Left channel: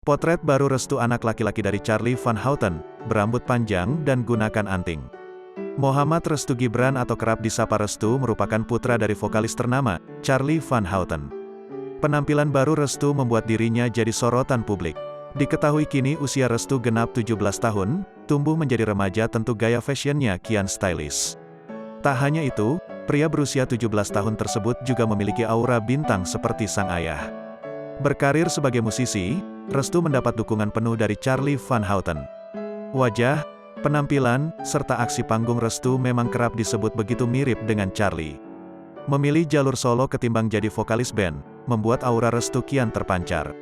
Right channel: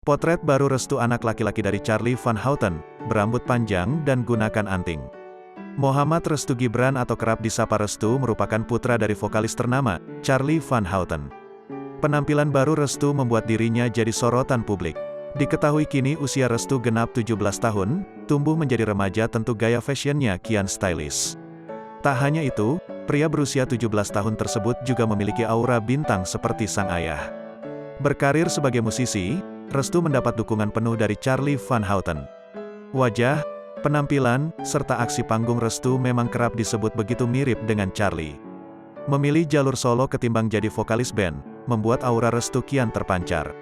Potret baru restu anak laki-laki dari Charly Van Houten, berambut panjang dan gunakan anting. Mohammad Restu Gibran atau kerap disapa Restu merupakan putra dari vokalis ternama, Charly Van Houten. Penampilan baru Restu membuat dirinya jadi sorotan publik. Diketahui kini usia Restu genap 17 tahun, tumbuh menjadi remaja tentu gaya fashionnya kian stylish. Tak hanya itu, pria berusia 17 tahun tersebut juga memiliki aura bintang seperti sang ayah. Berkarir sebagai musisi, Restu mendapat dukungan penuh dari Charly Van Houten. Wajah, penampilan, serta aksi panggung Restu memang kerap disebut begitu mirip dengan Charly. Memilih jalur solo ketimbang jadi vokalis band, membuat aura Restu kian terpancar.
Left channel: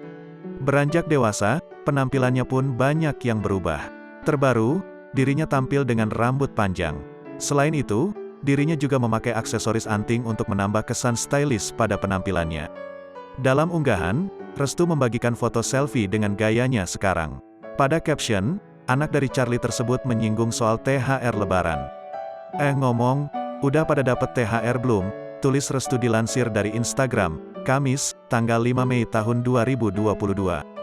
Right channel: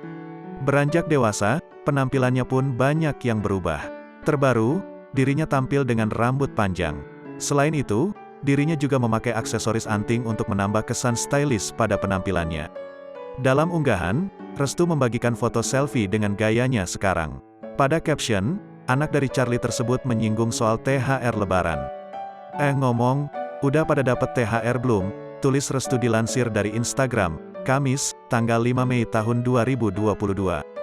Beranjak dewasa, penampilannya pun banyak yang berubah. Terbaru, dirinya tampil dengan rambut panjang. Selain itu, dirinya juga memakai aksesoris anting untuk menambah kesan stylish pada penampilannya. Dalam unggahan, Restu membagikan foto selfie dengan gayanya sekarang. Pada caption, anak dari Charly tersebut menyinggung soal THR Lebaran. Ngomong, udah pada dapet THR belum? Tulis Restu dilansir dari Instagram, Kamis, tanggal 5 Mei tahun 2022.